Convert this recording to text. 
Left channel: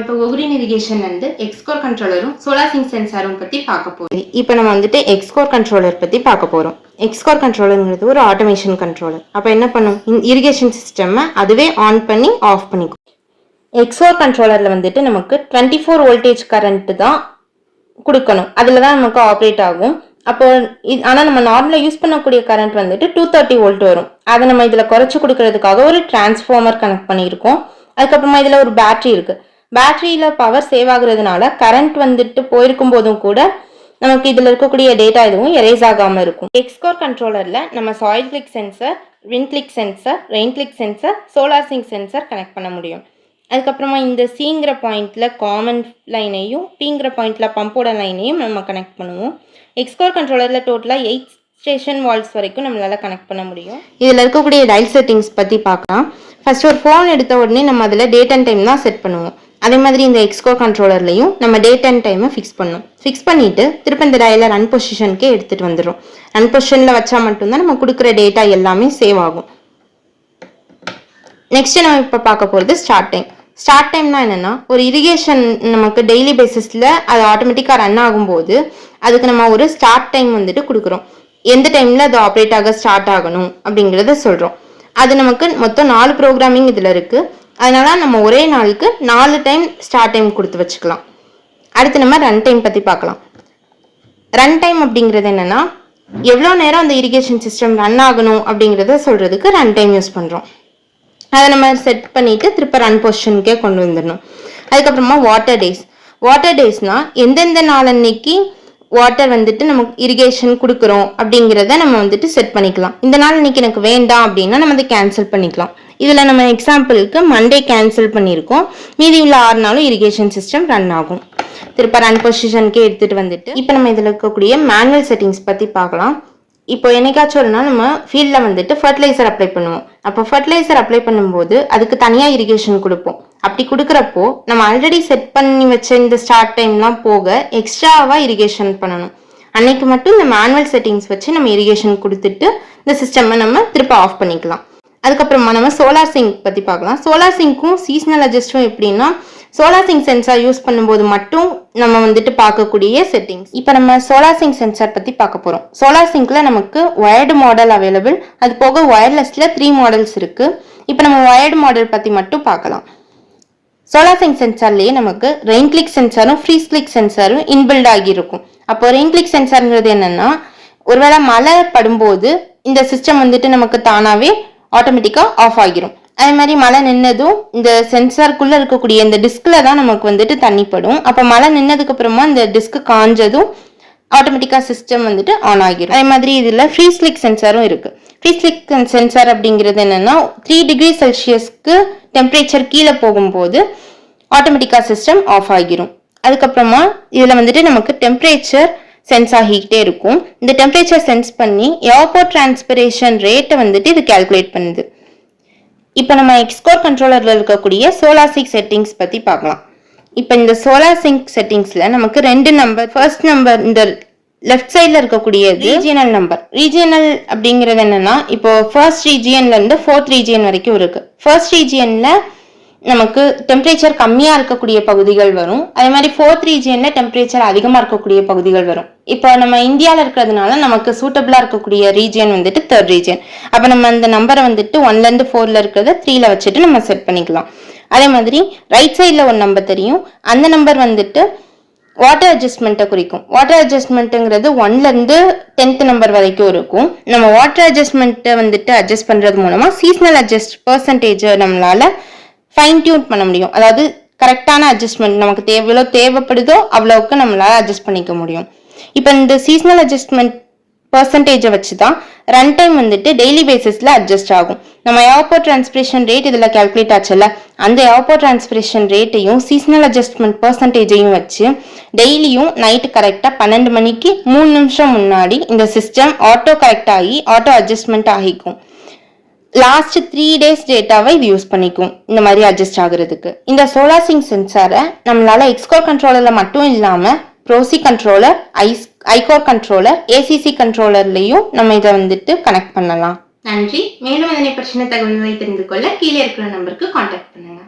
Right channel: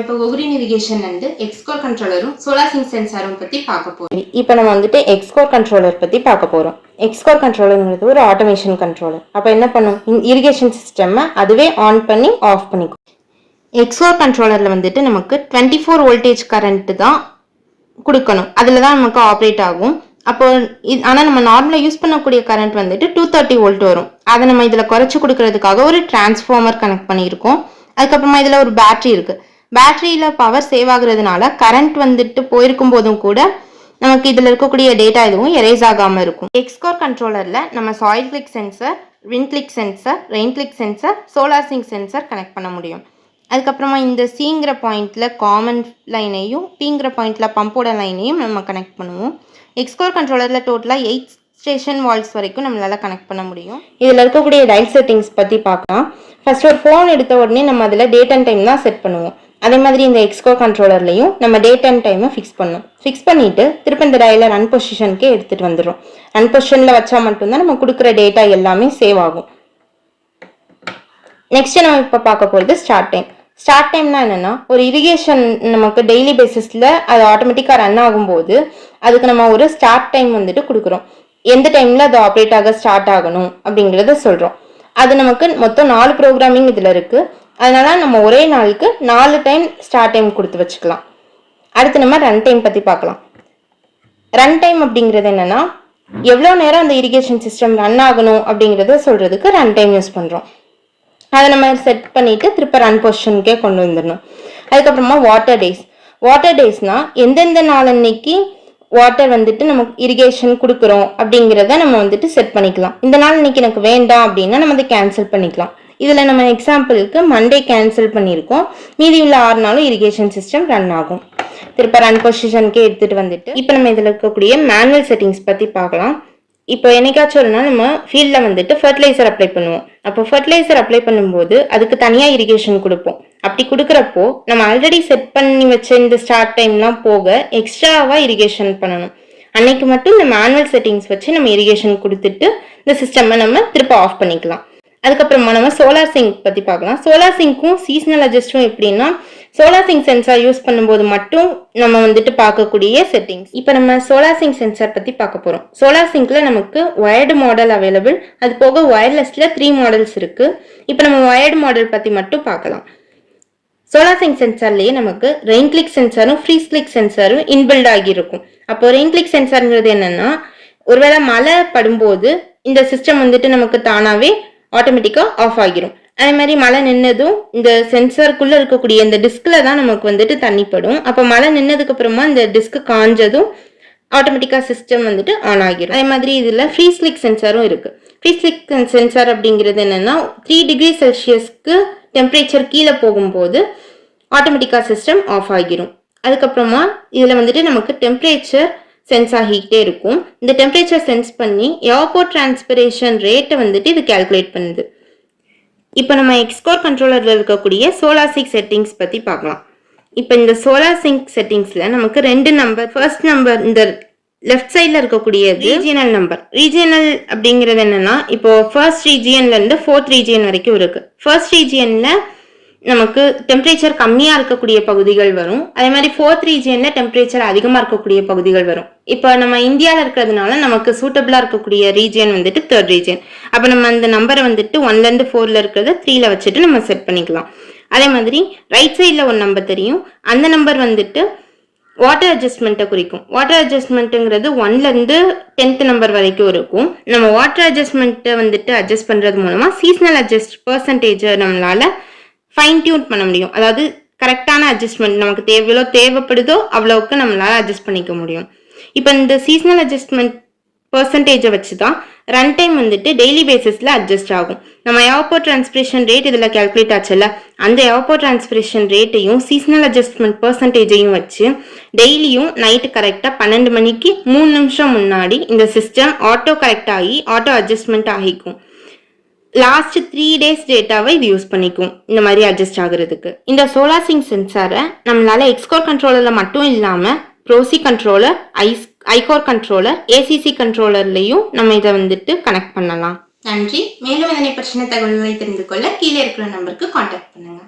நம்ம இப்போ ஒகுரின் இரிகேஷன் வந்து எக்ஸ்கோர் கண்ட்ரோலரும் சோலார் சிங்க் சென்சாரும் பற்றி பார்க்க போகிறோம். இப்போ நம்ம வந்துட்டு எக்ஸ்கோர் கண்ட்ரோலர் பற்றி பார்க்க போகிறோம். எக்ஸ்கோர் கண்ட்ரோலருங்கிறது ஒரு ஆட்டோமேஷன் கண்ட்ரோலர். அப்போ என்ன பண்ணும், இரிகேஷன் சிஸ்டம்மை அதுவே ஆன் பண்ணி ஆஃப் பண்ணிக்கும். எக்ஸ்கோர் கண்ட்ரோலரில் வந்துட்டு நமக்கு 24 வோல்டேஜ் கரண்ட்டு தான் கொடுக்கணும். அதில் தான் நமக்கு ஆப்ரேட் ஆகும். அப்போ ஆனால் நம்ம நார்மலாக யூஸ் பண்ணக்கூடிய கரண்ட் வந்துட்டு 230 வோல்ட் வரும். அதை நம்ம இதில் குறைச்சி கொடுக்கறதுக்காக ஒரு டிரான்ஸ்ஃபார்மர் கனெக்ட் பண்ணியிருக்கோம். அதுக்கப்புறமா இதில் ஒரு பேட்டரி இருக்குது. பேட்டரியில் பவர் சேவ் ஆகுறதுனால கரண்ட் வந்துட்டு போயிருக்கும் போதும் கூட நமக்கு இதில் இருக்கக்கூடிய டேட்டா எதுவும் எரேஸ் ஆகாமல் இருக்கும். எக்ஸ்கோர் கண்ட்ரோலரில் நம்ம soil click sensor, wind click sensor, rain click sensor, solar sync sensor connect பண்ண முடியும். அதுக்கப்புறமா இந்த சிங்கிற பாயிண்டில் காமன் லைனையும் பிங்கிற பாயிண்டில் பம்போட லைனையும் நம்ம கனெக்ட் பண்ணுவோம். எக்ஸ்கோர் கண்ட்ரோலரில் டோட்டலாக 8 ஸ்டேஷன் வால்ஸ் வரைக்கும் நம்மளால் கனெக்ட் பண்ண முடியும். இதில் இருக்கக்கூடிய டயல் செட்டிங்ஸ் பற்றி பார்க்கலாம். ஃபர்ஸ்ட் ஒரு ஃபோன் எடுத்த உடனே நம்ம அதில் டேட் அண்ட் டைம் தான் செட் பண்ணுவோம். அதே மாதிரி இந்த எக்ஸ்கோர் கண்ட்ரோலர்லையும் நம்ம டேட் அண்ட் டைமை ஃபிக்ஸ் பண்ணணும். ஃபிக்ஸ் பண்ணிவிட்டு திரும்ப இந்த டயலை ரன் பொசிஷனுக்கே எடுத்துகிட்டு வந்துடும். ரன் பொசிஷனில் வச்சா மட்டும்தான் நம்ம கொடுக்குற டேட்டா எல்லாமே சேவ் ஆகும். நெக்ஸ்ட்டு நம்ம இப்போ பார்க்க போகிறது ஸ்டார்ட் டைம். ஸ்டார்ட் டைம்னா என்னென்னா, ஒரு இரிகேஷன் நமக்கு டெய்லி பேசிஸில் அது ஆட்டோமேட்டிக்காக ரன் ஆகும்போது அதுக்கு நம்ம ஒரு ஸ்டார்ட் டைம் வந்துட்டு கொடுக்குறோம். எந்த டைமில் அது ஆப்ரேட் ஆக ஸ்டார்ட் ஆகணும் அப்படிங்கிறத சொல்கிறோம். அது நமக்கு மொத்தம் 4 ப்ரோக்ராமிங் இதில் இருக்குது. அதனால் நம்ம ஒரே நாளுக்கு 4 டைம் ஸ்டார்ட் டைம் கொடுத்து வச்சுக்கலாம். அடுத்து நம்ம ரன் டைம் பற்றி பார்க்கலாம். ரன் டைம் அப்படிங்கிறது என்னென்னா, எவ்வளோ நேரம் அந்த இரிகேஷன் சிஸ்டம் ரன் ஆகணும் அப்படிங்கிறத சொல்கிறதுக்கு ரன் டைம் யூஸ் பண்ணுறோம். அதை நம்ம செட் பண்ணிவிட்டு திருப்ப ரன் பொசிஷனுக்கே கொண்டு வந்துடணும். அதுக்கப்புறமா வாட்டர் டேஸ். வாட்டர் டேஸ்னால் எந்தெந்த நாள் அன்னைக்கு வாட்டர் வந்துட்டு நமக்கு இரிகேஷன் கொடுக்குறோம் அப்படிங்கிறத நம்ம வந்துட்டு செட் பண்ணிக்கலாம். இந்த நாள் இன்னைக்கு எனக்கு வேண்டாம் அப்படின்னா நம்ம அதை கேன்சல் பண்ணிக்கலாம். இதில் நம்ம எக்ஸாம்பிளுக்கு மண்டே கேன்சல் பண்ணியிருக்கோம். மீதி உள்ள 6 நாளும் இரிகேஷன் சிஸ்டம் ரன் ஆகும். திருப்ப ரன் பொசிஷனுக்கே எடுத்துகிட்டு வந்துட்டு இப்போ நம்ம இதில் இருக்கக்கூடிய மேனுவல் செட்டிங்ஸ் பற்றி பார்க்கலாம். இப்போ என்னைக்காச்சும் ஒரு நாள் நம்ம ஃபீல்டில் வந்துட்டு ஃபர்டிலைசர் அப்ளை பண்ணுவோம். அப்போ ஃபர்டிலைசர் அப்ளை பண்ணும்போது அதுக்கு தனியாக இரிகேஷன் கொடுப்போம். அப்படி கொடுக்குறப்போ நம்ம ஆல்ரெடி செட் பண்ணி வச்ச இந்த ஸ்டார்ட் டைம்லாம் போக எக்ஸ்ட்ராவாக இரிகேஷன் பண்ணணும். அன்னைக்கு மட்டும் இந்த மேனுவல் செட்டிங்ஸ் வச்சு நம்ம இரிகேஷன் கொடுத்துட்டு இந்த சிஸ்டம்மை நம்ம திருப்ப ஆஃப் பண்ணிக்கலாம். அதுக்கப்புறமா நம்ம சோலார் சிங்க் பற்றி பார்க்கலாம். சோலார் சிங்க்கும் சீசனல் அட்ஜஸ்ட்டும் எப்படின்னா, சோலார் சிங்க் சென்சார் யூஸ் பண்ணும்போது மட்டும் நம்ம வந்துட்டு பார்க்கக்கூடிய செட்டிங்ஸ். இப்போ நம்ம சோலார் சிங்க் சென்சார் பற்றி பார்க்க போகிறோம். சோலார் சிங்க்ல நமக்கு வயர்டு மாடல் அவைலபிள், அது போக ஒயர்லெஸ்ல 3 மாடல்ஸ் இருக்குது. இப்போ நம்ம வயர்டு மாடல் பற்றி மட்டும் பார்க்கலாம். சோலார் சிங்க் சென்சார்லேயே நமக்கு ரெயின் கிளிக் சென்சாரும் ஃப்ரீஸ் கிளிக் சென்சாரும் இன்பில்ட் ஆகியிருக்கும். அப்போ ரெயின் கிளிக் சென்சார்ங்கிறது என்னன்னா, ஒருவேளை மழை படும்போது இந்த சிஸ்டம் வந்துட்டு நமக்கு தானாகவே ஆட்டோமேட்டிக்காக ஆஃப் ஆகிரும். அதே மாதிரி மழை நின்னதும் இந்த சென்சாருக்குள்ளே இருக்கக்கூடிய இந்த டிஸ்கில் தான் நமக்கு வந்துட்டு தண்ணி படும். அப்போ மழை நின்னதுக்கு அப்புறமா இந்த டிஸ்க்கு காஞ்சதும் ஆட்டோமேட்டிக்காக சிஸ்டம் வந்துட்டு ஆன் ஆகிரும். அதே மாதிரி இதில் ஃப்ரீஸ் கிளிக் சென்சாரும் இருக்குது. ஃப்ரீஸ் கிளிக் சென்சார் அப்படிங்கிறது என்னென்னா, 3 டிகிரி செல்சியஸ்க்கு டெம்பரேச்சர் கீழே போகும்போது ஆட்டோமேட்டிக்காக சிஸ்டம் ஆஃப் ஆகிரும். அதுக்கப்புறமா இதில் வந்துட்டு நமக்கு டெம்பரேச்சர் சென்ஸ் ஆகிக்கிட்டே இருக்கும். இந்த டெம்பரேச்சர் சென்ஸ் பண்ணி ஏர்போர்ட் டிரான்ஸ்பிரேஷன் ரேட்டை வந்துட்டு இது கால்குலேட் பண்ணுது. இப்போ நம்ம எக்ஸ்கோர் கண்ட்ரோலரில் இருக்கக்கூடிய சோலார் சிங்க் செட்டிங்ஸ் பற்றி பார்க்கலாம். இப்போ இந்த சோலார் சிங்க் செட்டிங்ஸில் நமக்கு 2 நம்பர். ஃபர்ஸ்ட் நம்பர் இந்த லெஃப்ட் சைடில் இருக்கக்கூடிய ரீஜியனல் நம்பர். ரீஜியனல் அப்படிங்கிறது என்னென்னா, இப்போ ஃபர்ஸ்ட் ரீஜியன்லேருந்து 4th ரீஜியன் வரைக்கும் இருக்குது. ஃபர்ஸ்ட் ரீஜியனில் நமக்கு டெம்பரேச்சர் கம்மியாக இருக்கக்கூடிய பகுதிகள் வரும். அதே மாதிரி 4th ரீஜியனில் டெம்பரேச்சர் அதிகமாக இருக்கக்கூடிய பகுதிகள் வரும். இப்போ நம்ம இந்தியாவில் இருக்கிறதுனால நமக்கு சூட்டபிளாக இருக்கக்கூடிய ரீஜியன் வந்துட்டு 3rd ரீஜியன். அப்போ நம்ம அந்த நம்பரை வந்துட்டு 1லேருந்து 4ல் இருக்கிறத 3ல் வச்சுட்டு நம்ம செட் பண்ணிக்கலாம். அதே மாதிரி ரைட் சைடில் ஒரு நம்பர் தெரியும். அந்த நம்பர் வந்துட்டு வாட்டர் அட்ஜஸ்ட்மெண்ட்டை குறிக்கும். வாட்டர் அட்ஜஸ்ட்மெண்ட்டுங்கிறது 1லேருந்து 10th நம்பர் வரைக்கும் இருக்கும். நம்ம வாட்டர் அட்ஜஸ்ட்மெண்ட்டை வந்துட்டு அட்ஜஸ்ட் பண்ணுறது மூலமாக சீசனல் அட்ஜஸ்ட் பர்சன்டேஜை நம்மளால் ஃபைன் டியூன் பண்ண முடியும். அதாவது கரெக்டான அட்ஜஸ்ட்மெண்ட் நமக்கு எவ்வளோ தேவைப்படுதோ அவ்வளோவுக்கு நம்மளால் அட்ஜஸ்ட் பண்ணிக்க முடியும். இப்போ இந்த சீசனல் அட்ஜஸ்ட்மெண்ட் பர்சன்டேஜை வச்சு தான் ரன் டைம் வந்துட்டு டெய்லி பேசிஸில் அட்ஜஸ்ட் ஆகும். நம்ம ஏர்போர்ட் டிரான்ஸ்பிரேஷன் ரேட் இதில் கால்குலேட் ஆச்சுல்ல, அந்த ஏர்போர்ட் டிரான்ஸ்பிரேஷன் ரேட்டையும் சீசனல் அட்ஜஸ்ட்மெண்ட் பர்சன்டேஜையும் வச்சு டெய்லியும் நைட்டு கரெக்டாக 12 மணிக்கு 3 நிமிஷம் முன்னாடி இந்த சிஸ்டம் ஆட்டோ கரெக்ட் ஆகி ஆட்டோ அட்ஜஸ்ட்மெண்ட் ஆகிக்கும். லாஸ்ட் 3 டேஸ் டேட்டாவை இது யூஸ் பண்ணிக்கும் இந்த மாதிரி அட்ஜஸ்ட் ஆகுறதுக்கு. இந்த சோலார் சிங்க் சென்சாரை நம்மளால எக்ஸ்கோர் கண்ட்ரோலரில் மட்டும் இல்லாமல் ப்ரோசி கண்ட்ரோலர், ஐகோர் கண்ட்ரோலர், ஏசிசி கண்ட்ரோலர்லையும் நம்ம இதை வந்துட்டு கனெக்ட் பண்ணலாம். நன்றி. மேலும் இதனை பற்றின தகவல்களை தெரிந்து கொள்ள கீழே இருக்கிற நம்பருக்கு கான்டாக்ட் பண்ணுங்க.